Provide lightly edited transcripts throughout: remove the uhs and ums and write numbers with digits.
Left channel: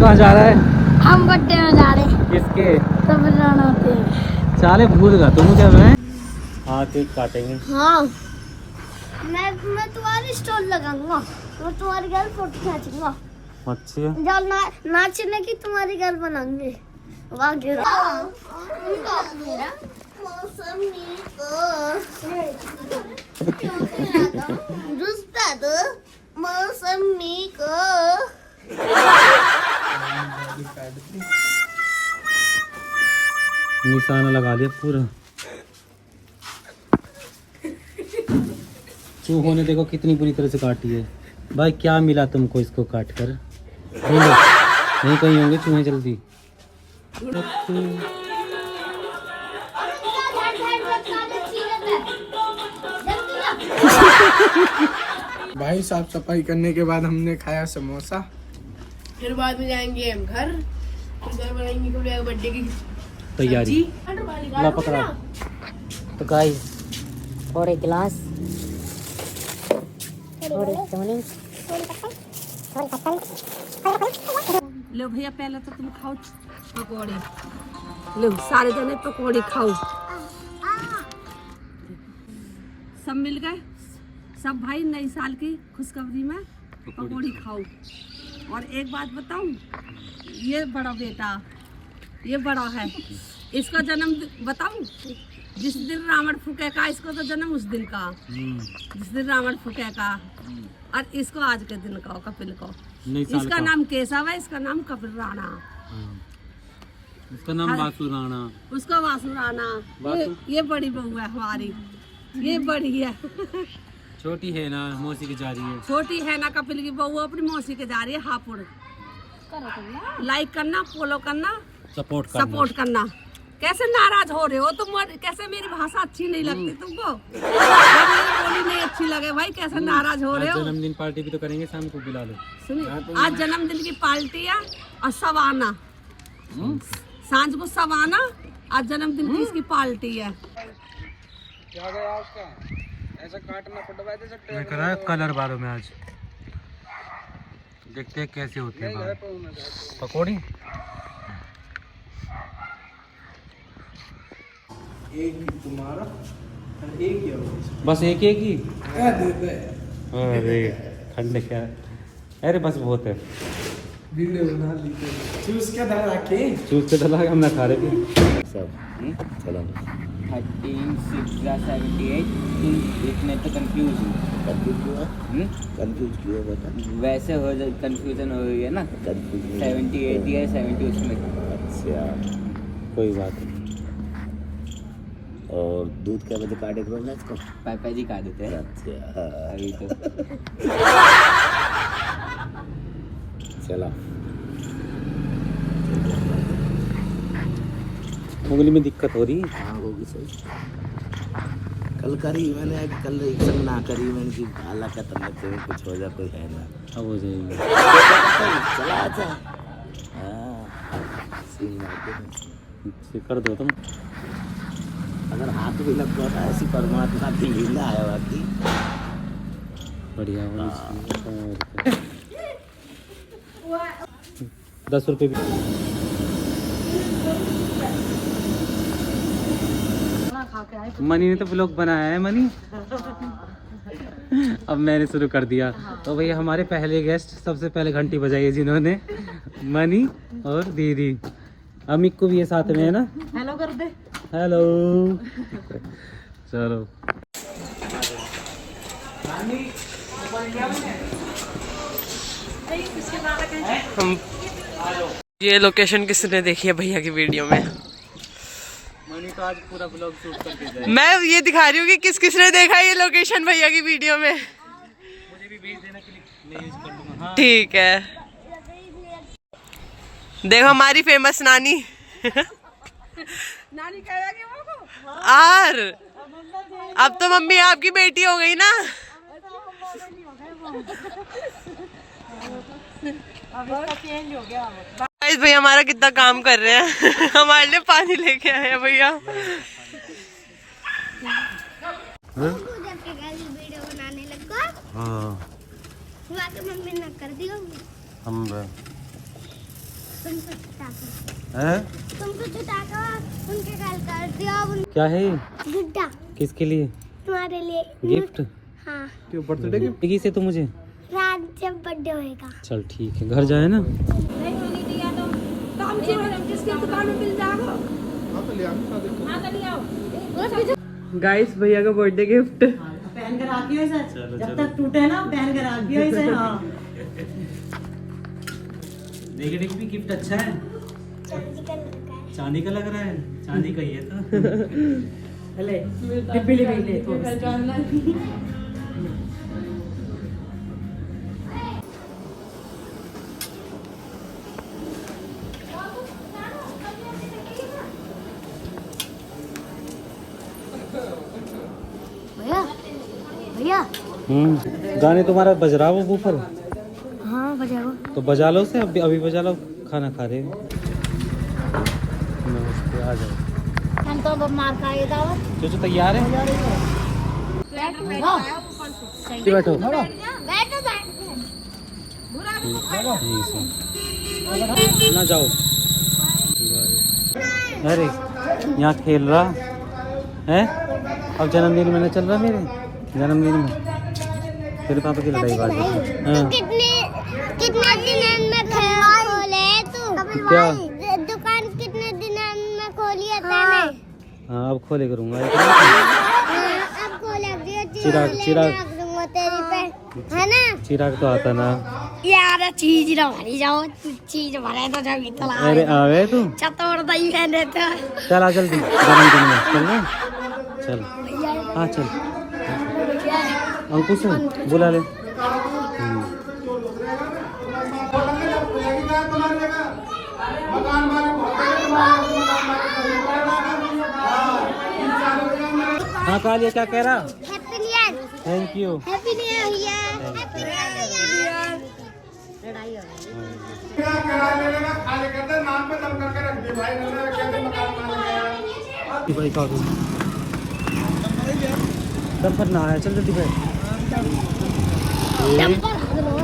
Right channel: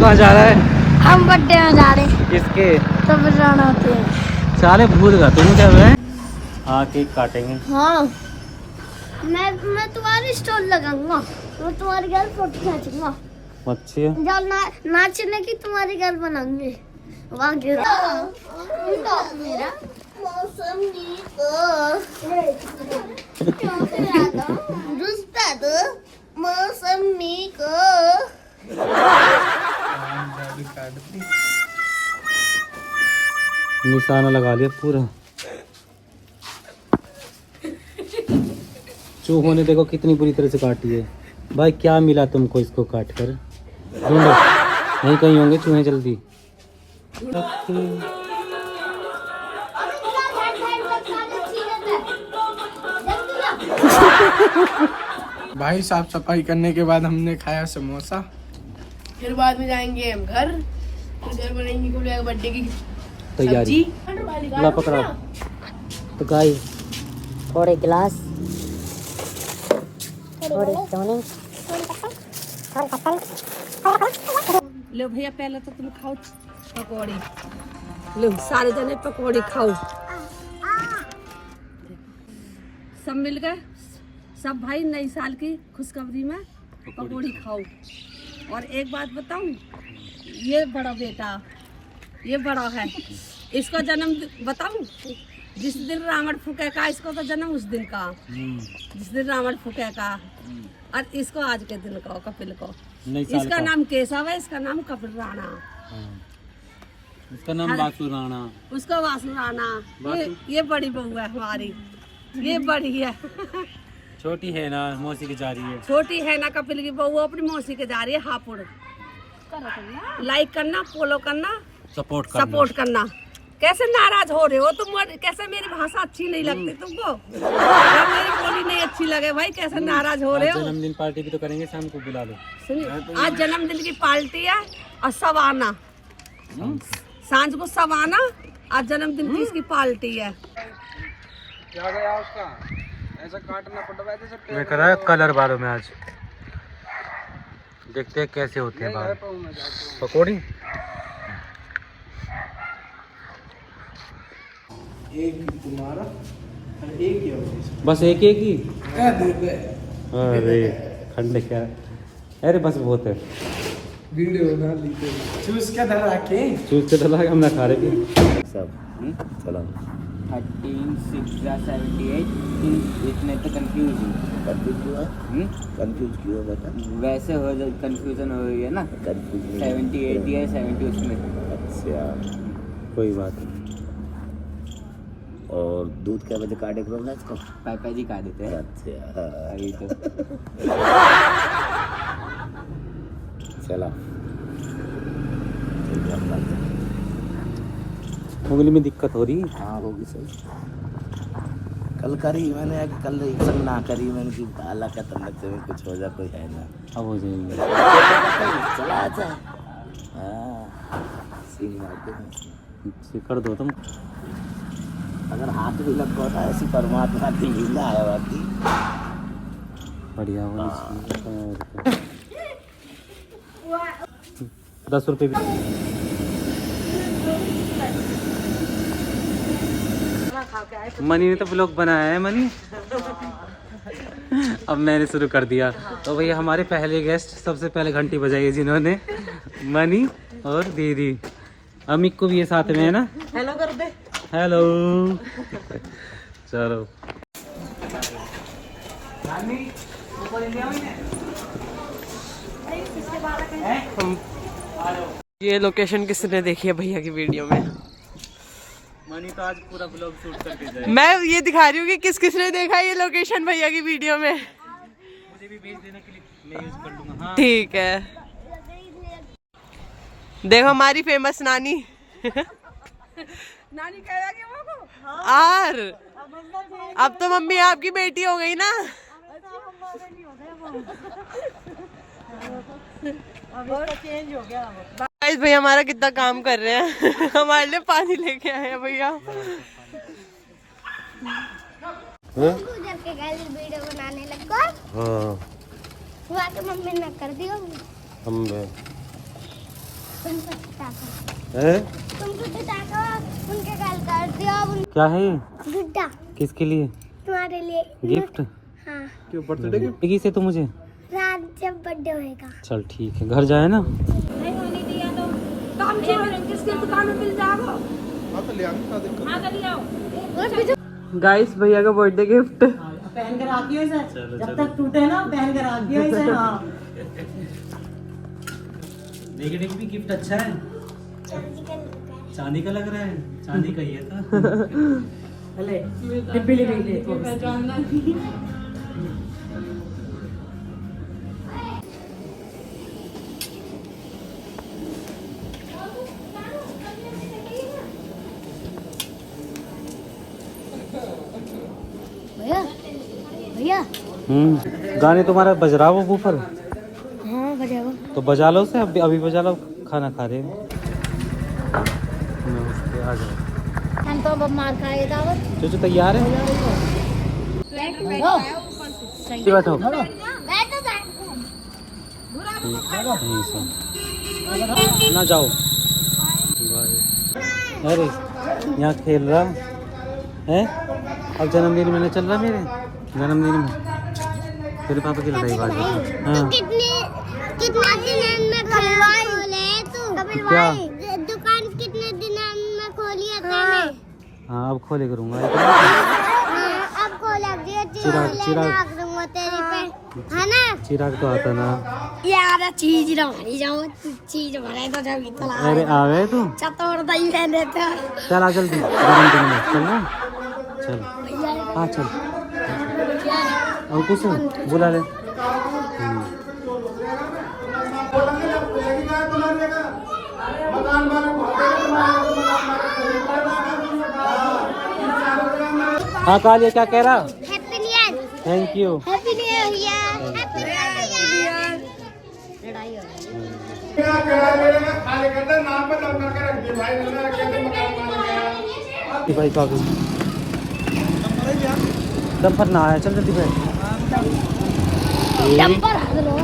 कहाँ जा रहा है? हम बट्टे में जा रहे हैं। किसके? तब जाना होते हैं। साले भूल गया तुम जब है। हाँ केक काटेंगे। हाँ मैं तुम्हारी स्टोरी लगाऊंगा, मैं तुम्हारे घर फोटो खींचूंगा। अच्छी है। जब नाचने की तुम्हारी घर बनाऊंगे। वाह मेरा मौसमी को रुस्ता दो मौसमी को। निशाना लगा लिया पूरा। चूहों ने देखो कितनी बुरी तरह से काटी है। भाई क्या मिला तुमको इसको काट कर? ढूंढो, नहीं कहीं होंगे चूहे जल्दी। भाई साफ सफाई करने के बाद हमने खाया समोसा। फिर बाद में जाएंगे हम घर, तो घर बनाएंगे तो बर्थडे की तैयारी ला पकड़ा। तो गाइस थोड़े गिलास थोड़े सोने। लो भैया पहले तो तुम खाओ पकौड़े। लो सारे जने पकौड़े खाओ, सब मिल गए सब भाई। नई साल की खुशखबरी में पकौड़ी खाओ। और एक बात बताऊं, ये बड़ा बेटा ये बड़ा है, इसका जन्म बताऊं, जिस दिन रावण फूकेगा इसको तो जन्म उस दिन का, जिस दिन रावण फूकेगा। और इसको आज के दिन का कपिल को। इसका नाम केशव है, इसका नाम कपिल राणा। उसका नाम वासु राणा। उसका वासु राणा। ये बड़ी बहू है हमारी, ये बड़ी है। छोटी है ना मौसी की जा रही है। छोटी है ना कपिल की बहू अपनी मौसी के जा रही है हापुड़। लाइक करना, फॉलो करना, सपोर्ट करना। कैसे नाराज हो रहे हो तुम? कैसे मेरी भाषा अच्छी नहीं लगती तुमको? मेरी बोली नहीं अच्छी लगे भाई, कैसे नाराज हो रहे हो? जन्मदिन पार्टी भी तो करेंगे, शाम को बुला लो। सुनिए आज जन्मदिन की पार्टी है और सब आना, सांझ को सब आना। आज जन्मदिन की इसकी पार्टी है। ऐसा काटना पड़ता है। मैं कर रहा कलर बालों में आज। देखते हैं कैसे होते हैं बाल। पकौड़ी एक तुम्हारा और एक ही बस एक ही। अरे ठंडे क्या, अरे बस बहुत है। वीडियो बना ली चूस के धरा के चूस के डला हम ना खा रहे सब। चलो 13 6 78 इतने तो कंफ्यूज क्यों बता? वैसे हो जाए कंफ्यूजन हो गई है ना। 70 80 है 70 उसमें। अच्छा कोई बात नहीं। और दूध क्या बजे काटे करोगे इसको? पापा जी काट देते हैं। अच्छा अभी तो चला उंगली में दिक्कत हो रही। हाँ होगी सर। कल करी मैंने, कल एक्शन ना करी मैंने कि भाला का तंदक में कुछ हो जाए, कोई है ना। अब हो जाएगी। चला आता कर दो तुम। अगर हाथ भी लग गया ऐसी परमात्मा की लीला है बाकी। बढ़िया 10 रुपए भी। मनी ने तो ब्लॉग बनाया है मनी। अब मैंने शुरू कर दिया। तो भैया हमारे पहले गेस्ट सबसे पहले घंटी बजाई है जिन्होंने, मनी और दीदी। अमिक को भी ये साथ में है ना। हेलो कर दे। हेलो चलो ये लोकेशन किसने देखी है भैया की वीडियो में? मनी तो आज पूरा ब्लॉग शूट करके जाए। मैं ये दिखा रही हूँ कि किस किसने देखा है ये लोकेशन भैया की वीडियो में। मुझे भी भेज देना क्लिप, मैं यूज कर लूंगा। हाँ ठीक है। देखो हमारी फेमस नानी। नानी कह रहा कि वो आर अब तो मम्मी आपकी बेटी हो गई ना। गाइस भैया हमारा कितना काम कर रहे हैं। हमारे लिए पानी लेके आए हैं भैया। वीडियो बनाने लगा। हाँ हुआ तो मम्मी ने कर दिया। हम तुमको टाका हैं? तुमको टाका उनके गाल कर दिया अब क्या है ये? गुड्डा किसके लिए? तुम्हारे लिए गिफ्ट? हाँ क्यों बर्थडे गिफ्ट? देगी से तो मुझे। रात जब बर्थडे होएगा चल ठीक है, घर जाए ना। नहीं होने दिया तो हम किसकी दुकान में मिल जाएगा। हाँ तो ले आओ ना दिक्कत। हाँ तो ले आओ। गाइस भैया का बर्थडे गिफ्ट। पहन कर आती हो इसे, चलो, जब चलो। तक टूटे ना पहन कर आती हो इसे। हाँ देखिए देखिए भी गिफ्ट अच्छा है। चांदी का लड़का है चांदी का लग रहा है, चांदी का ही है तो। ले डिब्बी ले गई ले तो। भैया भैया गाने तुम्हारा बज रहा वो ऊपर, हाँ बजाओ तो बजा लो उसे, अभी अभी बजा लो, खाना खा रहे हो। नमस्ते, आ जाओ। तो अब मार खाएगा दावत जो तैयार है बैठो। बैठो ना जाओ। अरे यहाँ खेल रहा है, अब जन्मदिन में चल रहा मेरे जन्मदिन में तेरे पापा की लड़ाई बात। हाँ कितने दिन में खोले तू क्या? दुकान कितने दिन में खोली है तूने? हाँ अब खोले करूँगा। अब खोले चिराग रख दूंगा तेरी पे है ना चिराग तो आता ना। यार चीज भरी जाओ चीज भरे तो जब इतना अरे आवे तू, चतोड़ दही पहने तो चल आ जल्दी जन्मदिन में चल ना, चल हाँ चल। और कुछ बुला ले। हाँ कालिया क्या कह रहा? Happy new year thank you. Happy new year happy new year लड़ाई हो कि भाई का डंपर ना आया, चल जल्दी बैठ। डंपर हगलो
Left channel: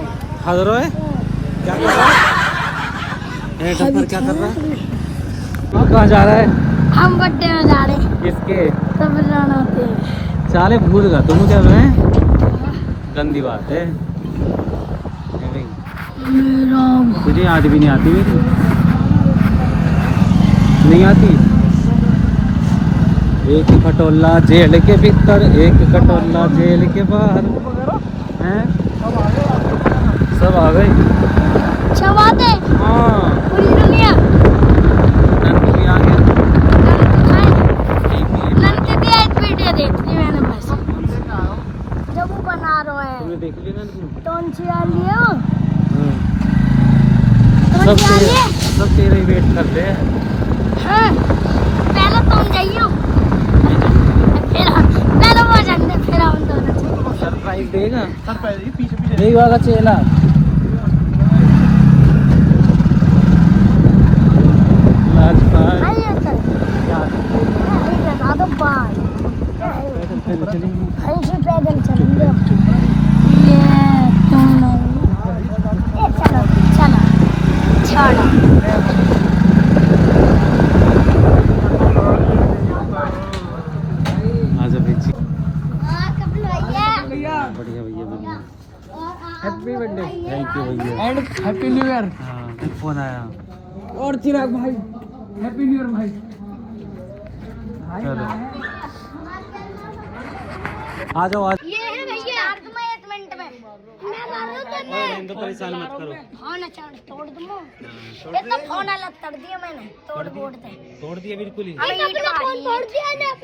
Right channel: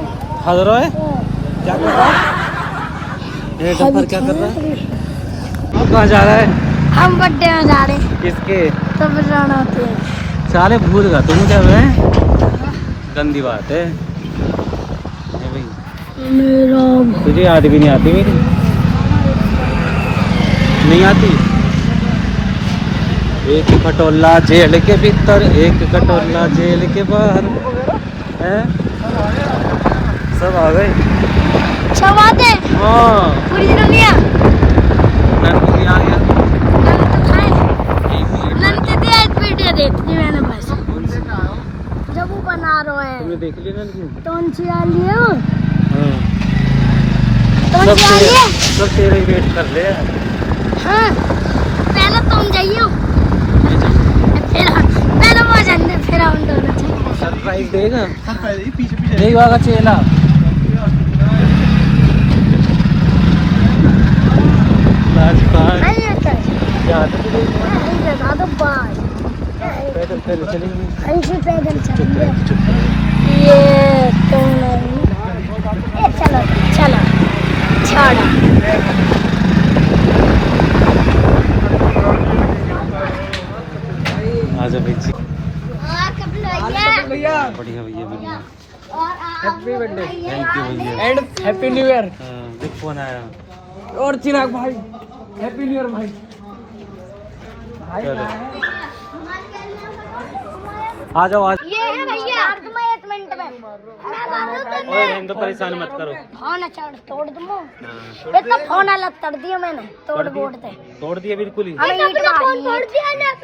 हाजिर है, क्या कर रहा है? डंपर क्या कर रहा है? कहाँ जा रहा है? हम बर्थडे में जा रहे किसके? तब जाना होते साले भूल गया तुम मुझे है? गंदी बात है। तुझे याद भी नहीं आती मेरी? नहीं आती? एक खटोला जेल के भीतर, एक खटोला जेल के बाहर है। सब आ गए। अच्छा बात है हाँ पूरी दिन लिया नंद भी आ गया। नंद के एक वीडियो देखी मैंने बस कौन सी? जब वो बना रहे हैं तुमने देख लिया ना? कौन सी आ लियो हाँ कौन सी आ लिए सब तेरे वेट कर रहे हैं। हाँ पहले तुम जाइयो फिर पहले वो जाते फिर हम दोनों चलेंगे सरप्राइज देगा नहीं वाला चेला। नहीं है सर यार नहीं बता दो बाय पैदल पैदल चलेंगे। ऐसे पैदल चलेंगे ये तुम नहीं ए, चलो चलो छोड़ो आजा भाई जी। भैया बढ़िया भैया। हैप्पी बर्थडे थैंक यू भैया। And happy new year. हाँ, गुड फोन आया। और चिराग भाई हैप्पी न्यू ईयर भाई। भाई चलो। कहाँ है? आ जाओ आज। ये है भैया तुम्हें 1 मिनट में और इनको परेशान मत करो। फोन अच्छा तोड़ दूँ हाँ, ये तो फोन अलग कर दिया मैंने तोड़ कर दिया? बोड़ दे तोड़ दिया बिल्कुल ही। हमें ईट मारी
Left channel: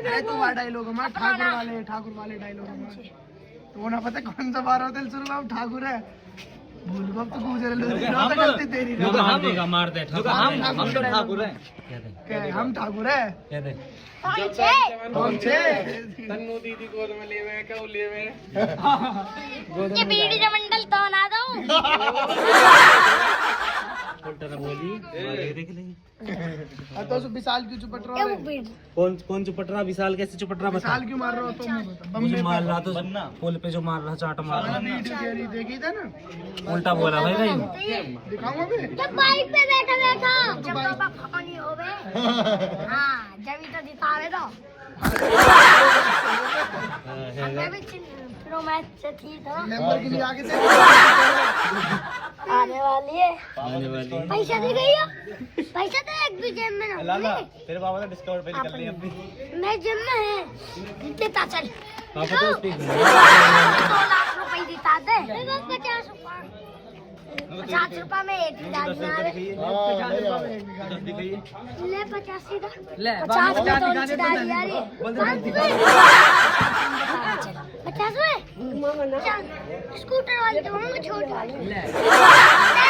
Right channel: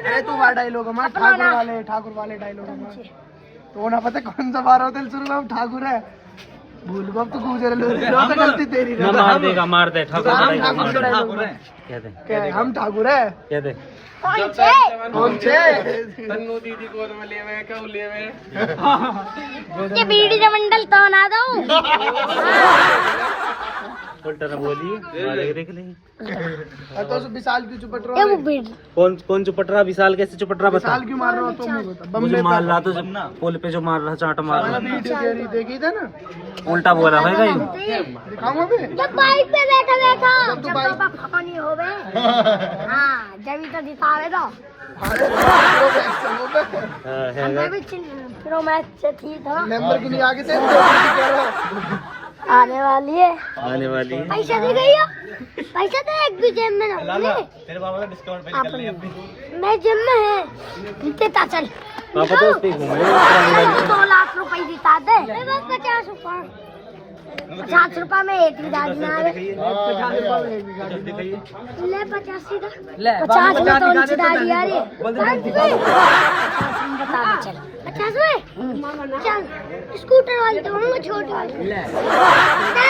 अरे तू वाला डायलॉग हमारा ठाकुर वाले डायलॉग हमारे तो ना पता कौन सा बार होता है शुरू में ठाकुर है भूल गो अब तो गुजर लो तो गलती तेरी ना मार देगा, मार दे ठाकुर हम का ठाकुर के डायलॉग। डायलॉग है कह दे क्या है? हम ठाकुर है कह दे। कौन से कौन से तन्नू दीदी गोद में ले हुए क्यों ले हुए ये बीड़ी जमंडल तो ना दो तो चुपट बोली देख ले तो विशाल की चुपट ये वो बेट कौन चुपट रहा? विशाल कैसे चुपट रहा? बता। विशाल क्यों मार रहा हो? तुम ही बता। मुझे मार रहा तो जब ना पुल पे जो मार रहा चाट मार रहा वीडियो देखी था ना, उल्टा बोला भाई भाई। दिखाऊंगा मैं। जब बाइक पे बैठा जब पापा फनी हो गए हाँ जब तो दिखावे दो अंदर भी फिर मैच से थी था लैम्बोर्गिनी आगे से आने वाली है आने पैसा दे गई हो पैसा तो एक भी जेब में ना तेरे बाबा ने डिस्काउंट पे निकल लिया अपनी। मैं जेब में है देता चल पापा तो उस पे 2 लाख रुपए देता दे 50 रुपए में एक भी दादी ना आवे ले 50 सीधा 50 में तो उनकी दादी आ रही है बता दे चल 50 में चल स्कूटर वाली तो हम छोटी वाली ले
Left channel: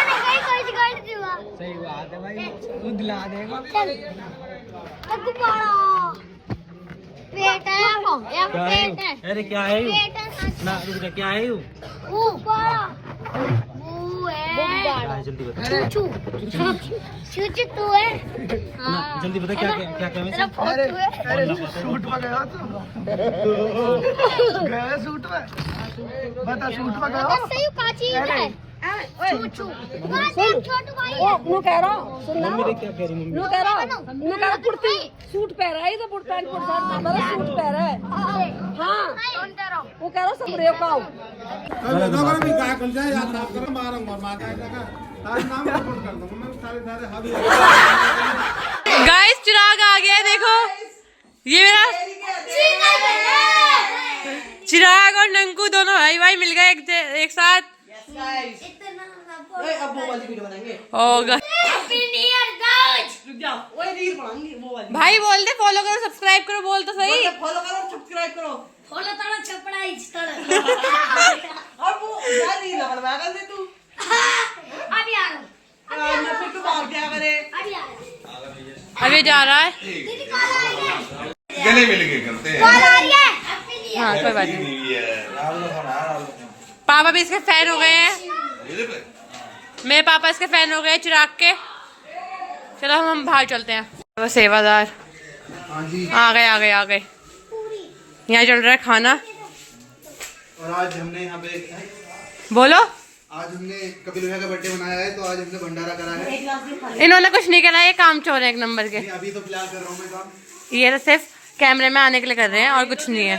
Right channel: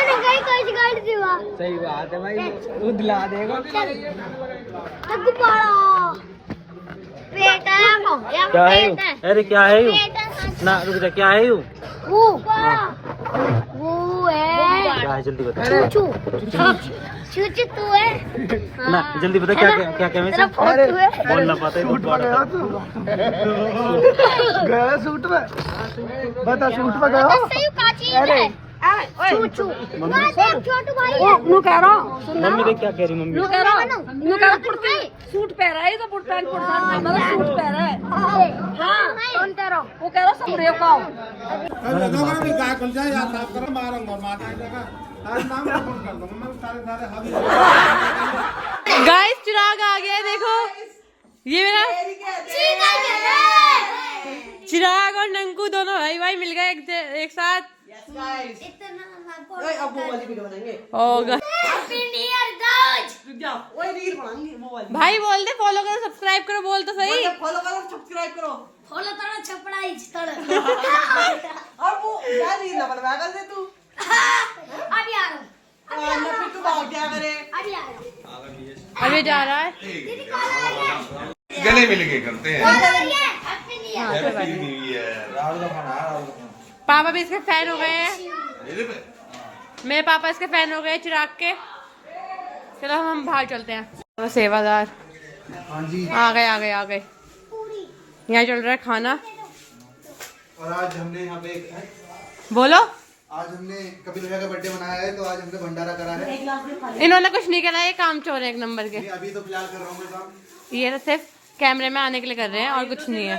नहीं कोई गाड़ी दीवा सही बात है भाई, वो दिला देगा। गुब्बारा बेटा क्या है यू? अरे क्या है यू? ना रुक जा, क्या है यू? वो है क्या है जल्दी बता। चूचू तू है ना जल्दी बता क्या क्या क्या क्या तेरा मैं फोटो है बोल ना पाते सूट में गया तू, गया सूट में, बता सूट में गया हो? सही काची है चूचू वहां से छोटू भाई है नु कह रहा हूं मम्मी देख क्या कह रही मम्मी। नु कह रहा हूं सूट पहन रहा है तो पुट पैंट सूट पहन रहा है हां कौन कह रहा हूं वो कह रहा सब रेप लाओ गाइस चिराग आ गया है, देखो ये मेरा चिराग और नंकू दोनों भाई भाई मिल गए एक साथ। होगा भाई बोल दे फॉलो करो सब्सक्राइब करो, बोल तो सही। फॉलो करो सब्सक्राइब करो फॉलो तारा छपड़ा इधर और वो क्या नहीं लबड़ बैगल में तू अभी आ रहा हूं मैं फिर तू भाग क्या करे अभी आ रहा हूं अभी जा रहा है गले मिल के करते हैं। हाँ कोई बात नहीं। पापा भी इसके फैन हो गए हैं, मेरे पापा इसके फैन हो गए चिराग के। चलो हम बाहर चलते हैं। वो सेवादार आ गए यहाँ चल रहा है खाना। और आज हमने यहाँ पे बोलो आज हमने कपिल भैया का बर्थडे मनाया है, तो आज हमने भंडारा करा है। इन्होंने कुछ नहीं करा, ये काम चोर है एक नंबर के। अभी तो फिलहाल कर रहा हूँ मैं काम। ये तो सिर्फ कैमरे में आने के लिए कर रहे हैं और कुछ नहीं है।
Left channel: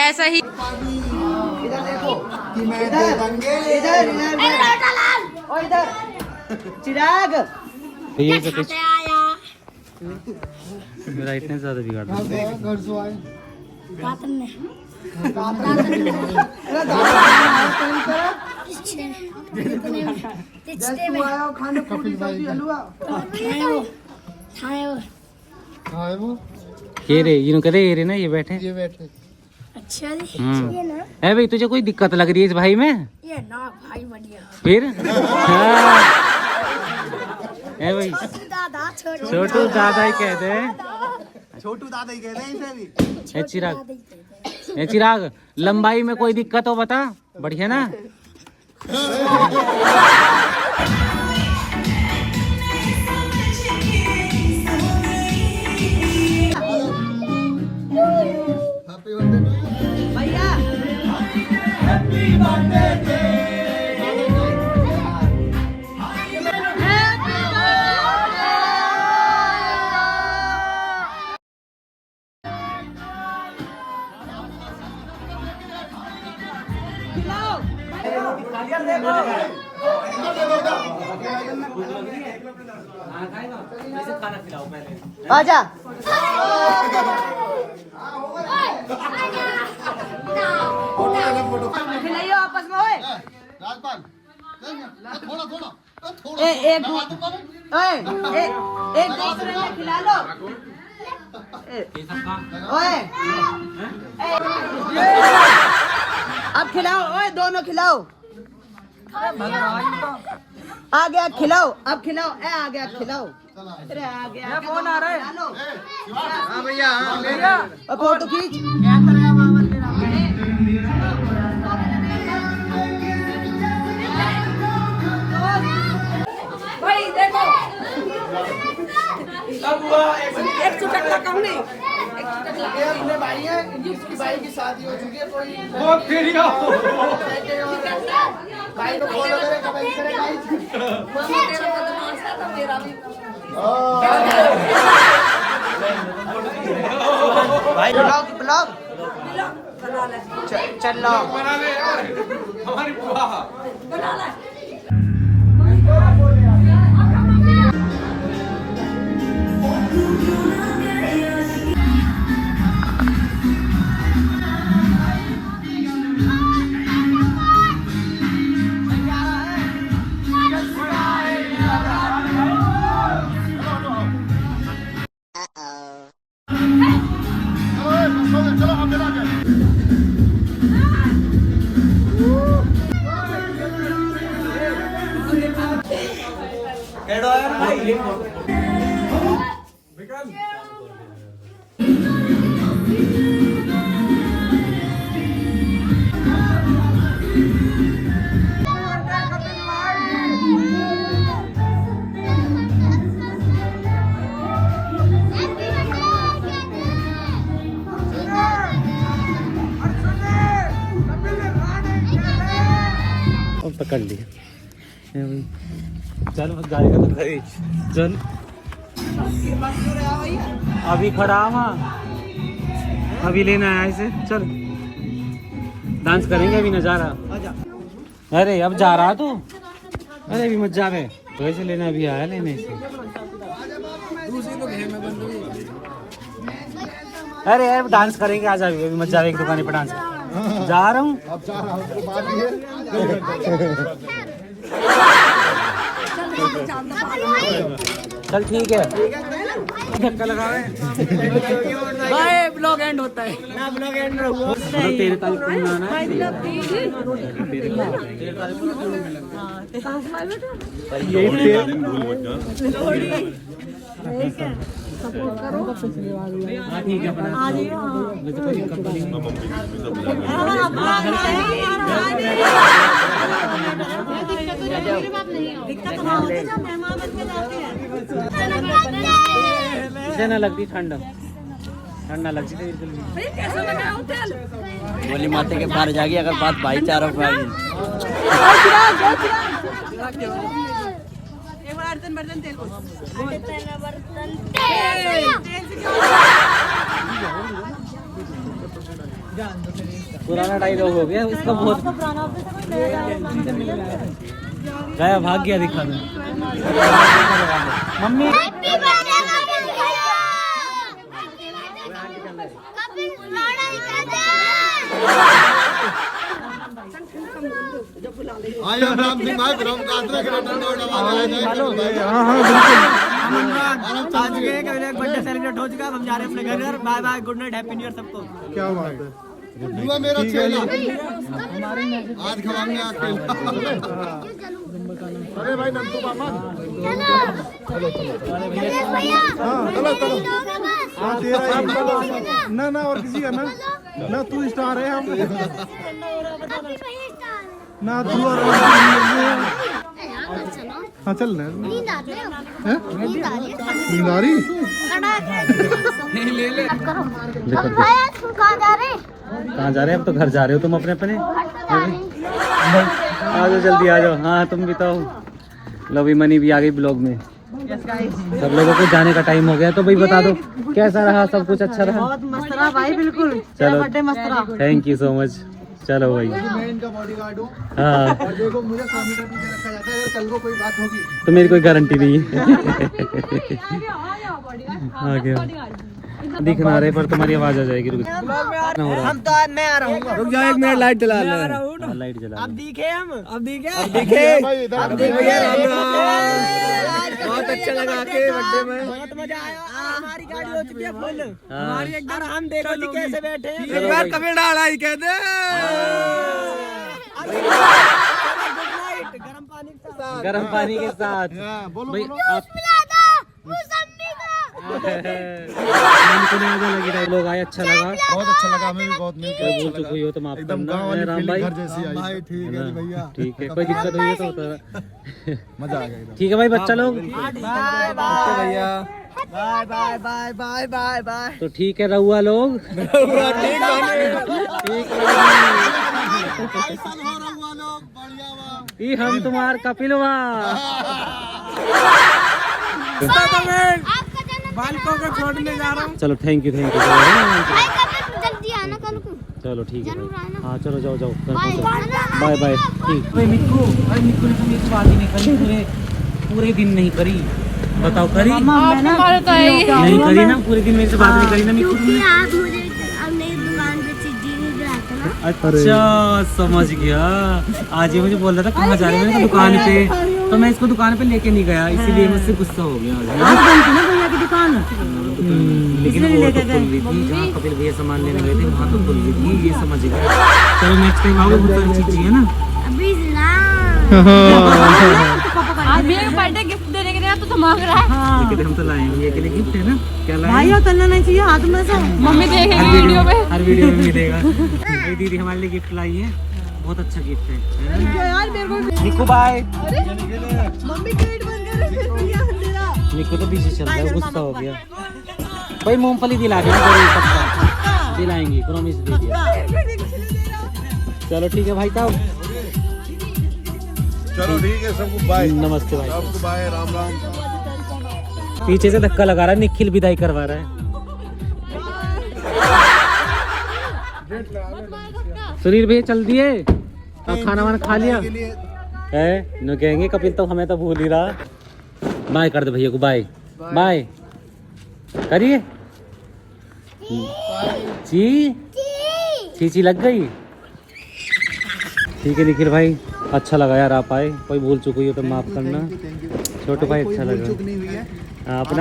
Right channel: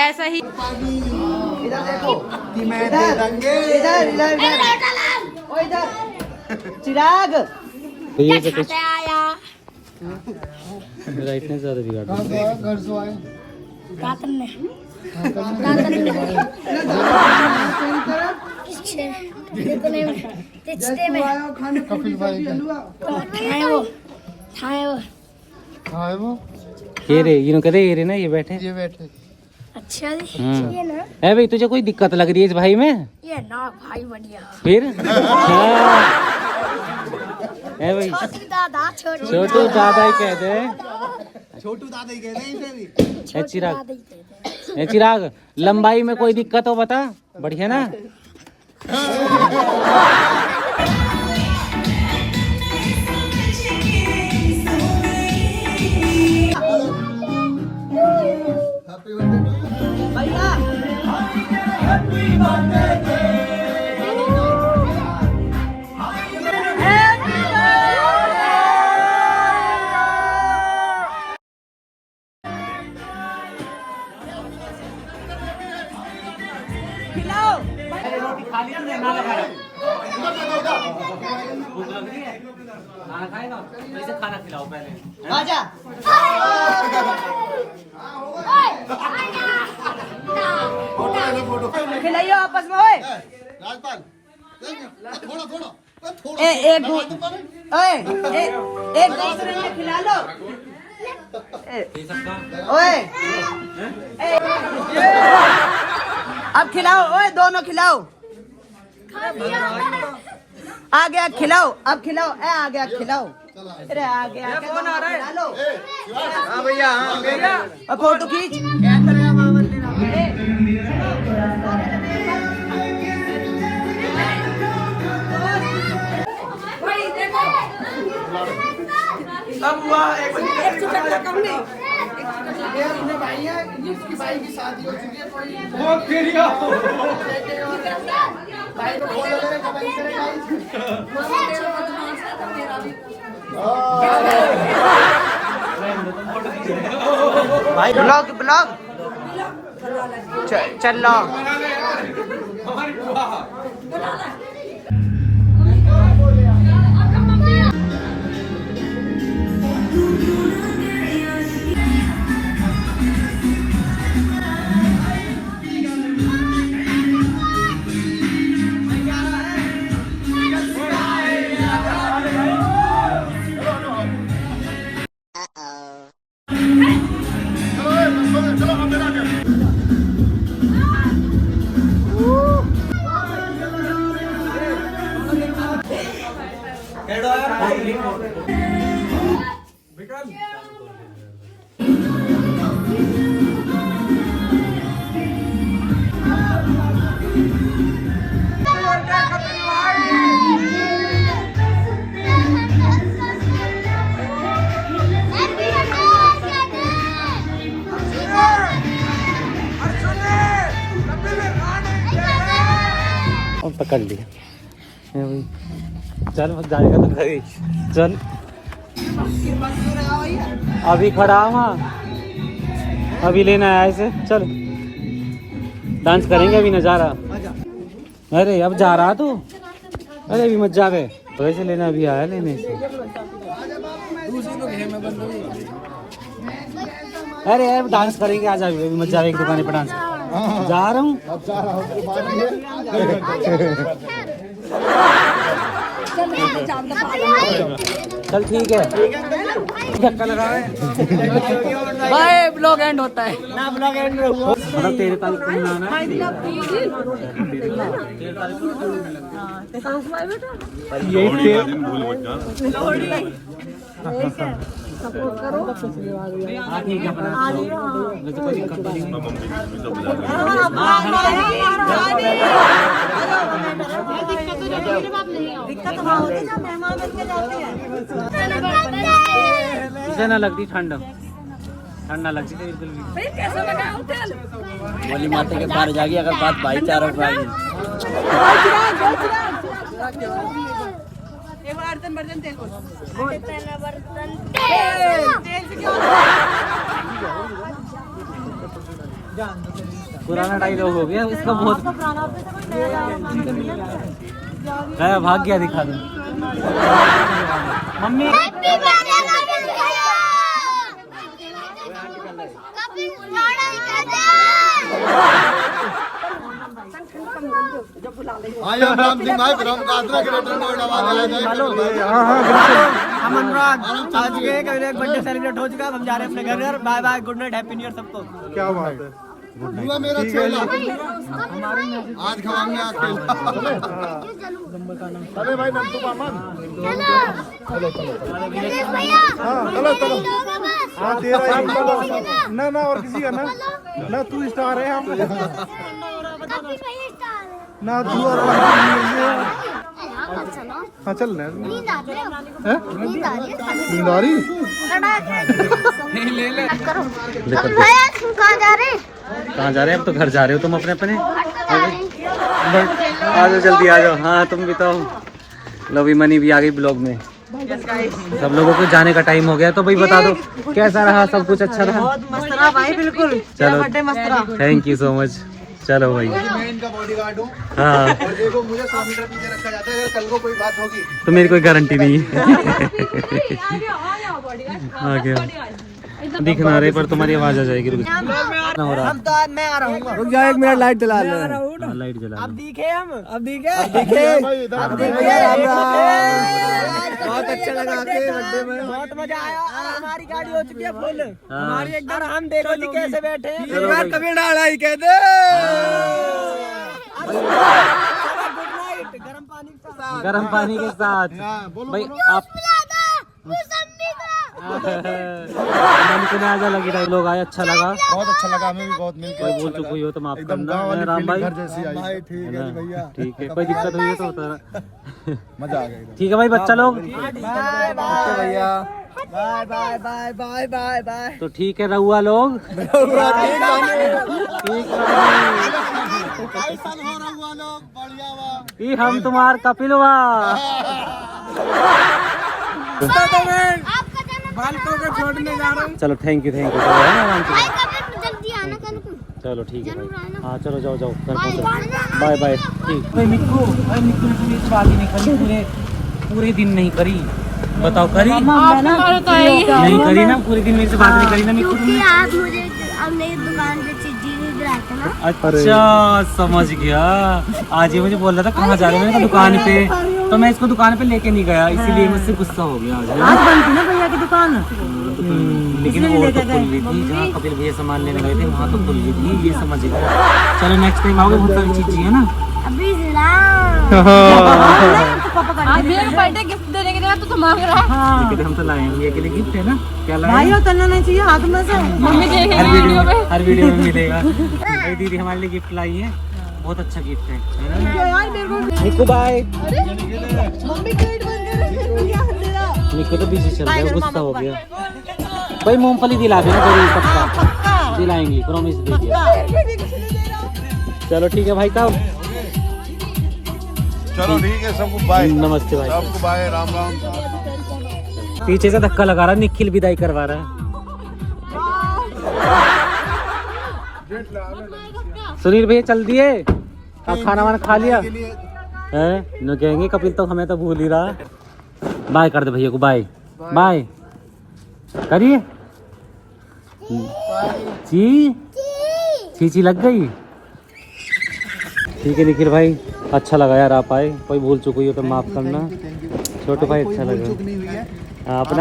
ऐसा ही चिराग ये तो कुछ आया मेरा इतने ज्यादा बिगाड़ दिया। घर से आए रातन ने कपिल भाई खाए वो ये रे इन्हों कहते ये रे ना ये बैठे ये बैठे। अच्छा ये ना है भाई तुझे कोई दिक्कत लग रही है इस भाई में? ये ना भाई बढ़िया फिर हाँ। है भाई दादा छोटू दादा ही कहते हैं। छोटू दादा ही कह रहे हैं। ए चिराग लंबाई में कोई दिक्कत हो बता, बढ़िया ना? खाना खिलाओ पहले। आजा खिलाइयो आपस में ओए राजपाल थोड़ा एक दूसरे में खिला लो ओए अब खिलाओ ओए दोनों खिलाओ आ गया खिलाओ अब खिलाओ ए आ गया खिलाओ अरे आ गया कौन आ रहा है लो हाँ भैया अब फोटो खींच एक चुटक लगाऊंगी। ये अपने भाई हैं, जिसकी भाई की शादी हो चुकी है, कोई भाई को फॉलो करे, कमेंट करे गाइस। ब्लॉग ब्लॉग चल लो। हमारी बुआ और पकड़ लिया। ये भाई चल अब जाएगा तो सही। चल अभी खड़ा हुआ, अभी लेना आया इसे। चल डांस करेंगे अभी, नजारा। अरे अब जा रहा तू? अरे अभी मत जावे, तो ऐसे लेना अभी आया लेने से। अरे यार डांस करेंगे, आ जाएगी अभी, मत जावे एक दुकान पर डांस। जा रहा हूँ चल ठीक है, धक्का लगा भाई। ब्लॉग एंड होता है ना, ब्लॉग एंड हुआ मतलब तेरे तारीख को ना हाँ ठीक है अपना कोई दिक्कत नहीं। ना लगती ठंड, ठंडा लगती है बोली माते के पार जाएगी अगर बात भाईचारा हो पाएगी। बर्तन तेल पुराना डायलॉग हो गया इसका बहुत। भाग गया, दिखा दो मम्मी। हम अनुराग आज के एक बर्थडे सेलिब्रेट हो चुका है, हम जा रहे हैं अपने घर। Bye bye, good night, happy new year सबको। क्या बात है, मेरा चेला आज खवाएंगे अकेला। अरे भाई नंदू मामन, चलो चलो हाँ चलो चलो हाँ तेरा ही चलो ना ना और किसी का ना तू स्टार है हम ना तू और हाँ चल रहे नींद आ रही ले ले करो। कहाँ जा रहे हैं? कहाँ जा रहे हैं? अब तो घर जा रहे हो तुम अपने अपने। आ जाओ जल्दी आ जाओ। हाँ तुम बताओ। लवी मनी भी आ गई ब्लॉग में। सब लोगों को जाने का टाइम हो गया, तो भाई बता दो कैसा रहा, सब कुछ अच्छा रहा? बहुत मस्त रहा भाई, बिल्कुल तेरा बर्थडे मस्त रहा। Thank you so much. चलो भाई मैं इनका बॉडीगार्ड हूँ। हाँ और देखो मुझे 100 मीटर पीछे रखा जाता है, कल को कोई बात होगी तो मेरी कोई गारंटी नहीं है। आ गया दिख ना रहे पर तुम्हारी आवाज आ जाएगी। हम तो मैं आ रहा हूँ, रुक जाओ एक मिनट, लाइट जला ले। लाइट जला। अब दिखे हम, अब दिखे बहुत अच्छा लगा के बर्थडे में, बहुत मजा आया। और हमारी गाड़ी हो चुकी है फुल, हमारी एकदम। हम देखो जी कैसे बैठे हैं, एक बार कभी डाला ही कह दे। गुड नाइट, गर्म पानी के साथ भाई आप मन को आजा लगी डायलॉग आया, अच्छा लगा, बहुत अच्छा लगा हमें भी, बहुत मिलकर बोल चुकी हो तो माफ एकदम करना। गांव वाली राम फीलिंग भाई घर जैसी आई भाई। ठीक है जी भैया, ठीक है, कोई दिक्कत हुई है तो मजा आ गया। ठीक है भाई बच्चा लोग बाय बाय भैया। Bye bye bye bye bye bye. तो ठीक है रहुआ लोग। ये हम तुम्हार कपिलवा। बालकों को छोड़ने जा रहा हूँ। चलो थैंक यू भाई कभी जल्दी आना कल को। चलो ठीक है जरूर भाई। आना। हाँ चलो जाओ जाओ घर बाय पहुँचो। Bye bye. ठीक। भाई मिक्कू ने तो मेरी बात ही नहीं करी, पूरे दिन नहीं करी। बताओ करी? नहीं करी ना, पूरे दिन मेरे से बात नहीं करी ना मिक्कू क्योंकि ने। आप मुझे अपने दुकान पे चीज़ दिलाए थे ना। अच्छा समझ गया। आज ये मुझे बोल रहा था कहाँ जा रहे हैं, मैंने कहा दुकान पे, तो मैं इसको दुकान पे लेके नहीं गया, इसीलिए मुझसे गुस्सा हो गया। आज बंद थी ना भैया की दुकान, लेकिन वो तो खुल रही थी। जहाँ कपिल भैया सामान लेने गए थे वहाँ तो खुल रही थी, ये समझ गया। चलो नेक्स्ट टाइम आओगे, बहुत सारी चीजें है ना। अभी ना आज मेरे बर्थडे गिफ्ट देने के लिए तो मांग रहा है। लेकिन हम तो लाए हैं ये के लिए गिफ्ट है ना। क्या लाए? भाई और तलना नहीं चाहिए हाथ में से। मम्मी देखेगी वीडियो में। हर वीडियो में मिलेगा। भाई दीदी हमारे लिए गिफ्ट लाई है, बहुत अच्छा गिफ्ट है। निक्कू बाय। निक्कू तो बिजी चल रहा है, गुस्सा हो गया। भाई मूंगफली दिला देना जरूर, पक्का दिलाएंगे, प्रॉमिस दे दिया। चलो ठीक है भाई साहब। चलो ठीक है, सबको बाय। नमस्ते भाई। सबको बाय, राम राम। पीछे से धक्का लगा रहा है, निखिल विदाई करवा रहा है। सुनील भैया चल दिए, अब खाना वाना खा लिया है न, कहेंगे कपिल तो हमें तो भूल ही रहा। बाय कर दे भैया को, बाय बाय करिए। ची चीची लग गई। ठीक है निखिल भाई, अच्छा लगा यार आप आए। कोई भूल चुक हुई हो तो माफ करना। छोटे भाई अच्छा लगा।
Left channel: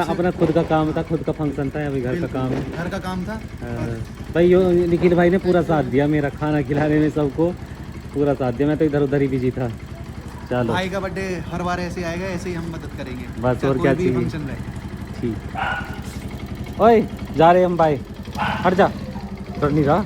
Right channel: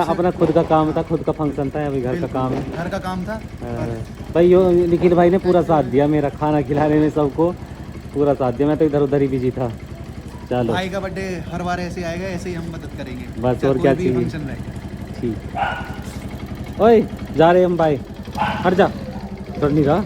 अपना खुद का काम था, खुद का फंक्शन था, अभी घर का काम है, घर का काम था। भाई यो निखिल भाई ने पूरा साथ दिया मेरा, खाना खिलाने में सबको पूरा साथ दिया। मैं तो इधर उधर ही बिजी था। चलो भाई का बर्थडे हर बार ऐसे आएगा, ऐसे ही हम मदद करेंगे। बस और कोई क्या भी चाहिए। फंक्शन रहे। ठीक। ओए जा रहे हम, बाय। हट जा, डर नहीं रहा।